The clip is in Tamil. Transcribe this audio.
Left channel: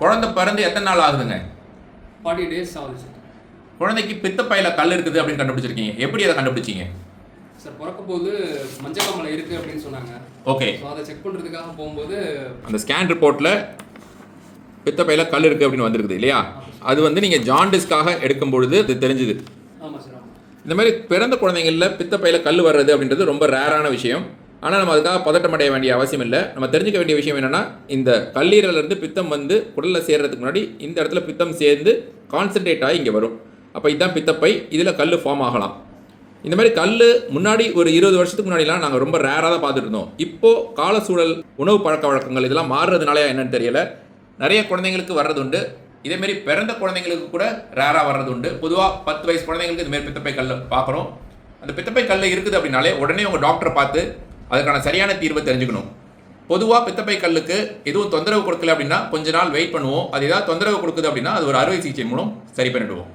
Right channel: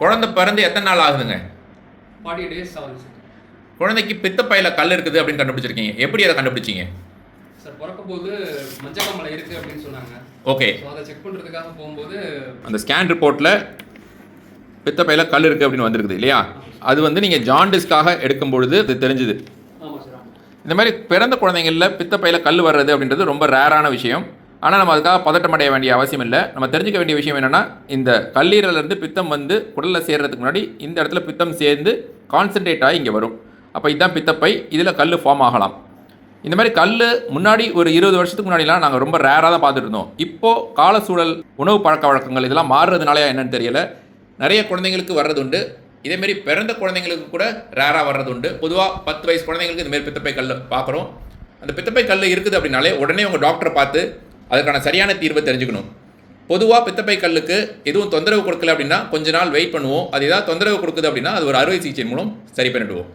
குழந்தை பிறந்து எத்தனை நாள் ஆகுதுங்க? 40 days ஆகுது சார். குழந்தைக்கு பித்தப்பையில கல் இருக்குது அப்படின்னு கண்டுபிடிச்சிருக்கீங்க. எப்படி அதை கண்டுபிடிச்சீங்க? சார் பிறக்கும்போது மஞ்சக்காமலை இருக்கு அப்படின்னு சொன்னாங்க. ஓகே. அதை செக் பண்ணுறதுக்காக போகும்போது அந்த ஸ்கேன் ரிப்போர்ட்டில் பித்தப்பையில கல் இருக்குது அப்படின்னு வந்திருக்குது இல்லையா? அது வந்து நீங்கள் ஜாண்டிஸ்க்காக எடுக்கும் பொழுது அது தெரிஞ்சுது. ஆமாம் சார். இந்த மாதிரி பிறந்த குழந்தைங்களில் பித்தப்பையில கல் வர்றது அப்படின்றது ரொம்ப ரேரான விஷயம். ஆனால் நம்ம அதுக்காக பதட்டம் அடைய வேண்டிய அவசியம் இல்லை. நம்ம தெரிஞ்சுக்க வேண்டிய விஷயம் என்னென்னா, இந்த கல்லீரலேருந்து பித்தம் வந்து குடலில் சேர்றதுக்கு முன்னாடி இந்த இடத்துல பித்தம் சேர்ந்து கான்சன்ட்ரேட் ஆகி இங்கே வரும். அப்போ இதுதான் பித்தப்பை. இதில் கல் ஃபார்ம் ஆகலாம். இந்த மாதிரி கல் முன்னாடி ஒரு 20 வருஷத்துக்கு முன்னாடிலாம் நாங்கள் ரொம்ப ரேராக தான் பார்த்துட்டு இருந்தோம். இப்போது கால சூழல், உணவு பழக்க வழக்கங்கள் இதெல்லாம் மாறுறதுனால என்னன்னு தெரியல, நிறைய குழந்தைங்களுக்கு வர்றது உண்டு. இதேமாரி பிறந்த குழந்தைங்களுக்கு கூட ரேராக வர்றது உண்டு. பொதுவாக 10 வயசு குழந்தைங்களுக்கு இதுமாரி பித்தப்பை கல் பார்க்குறோம். அந்த பித்தப்பை கல் இருக்குது அப்படின்னாலே உடனே உங்கள் டாக்டரை பார்த்து அதுக்கான சரியான தீர்வை தெரிஞ்சுக்கணும். பொதுவாக பித்தப்பை கல்லுக்கு எதுவும் தொந்தரவு கொடுக்கல அப்படின்னா கொஞ்ச நாள் வெயிட் பண்ணுவோம். அது ஏதாவது தொந்தரவு கொடுக்குது அப்படின்னா அது ஒரு அறுவை சிகிச்சை மூலம் சரி பண்ணிடுவோம்.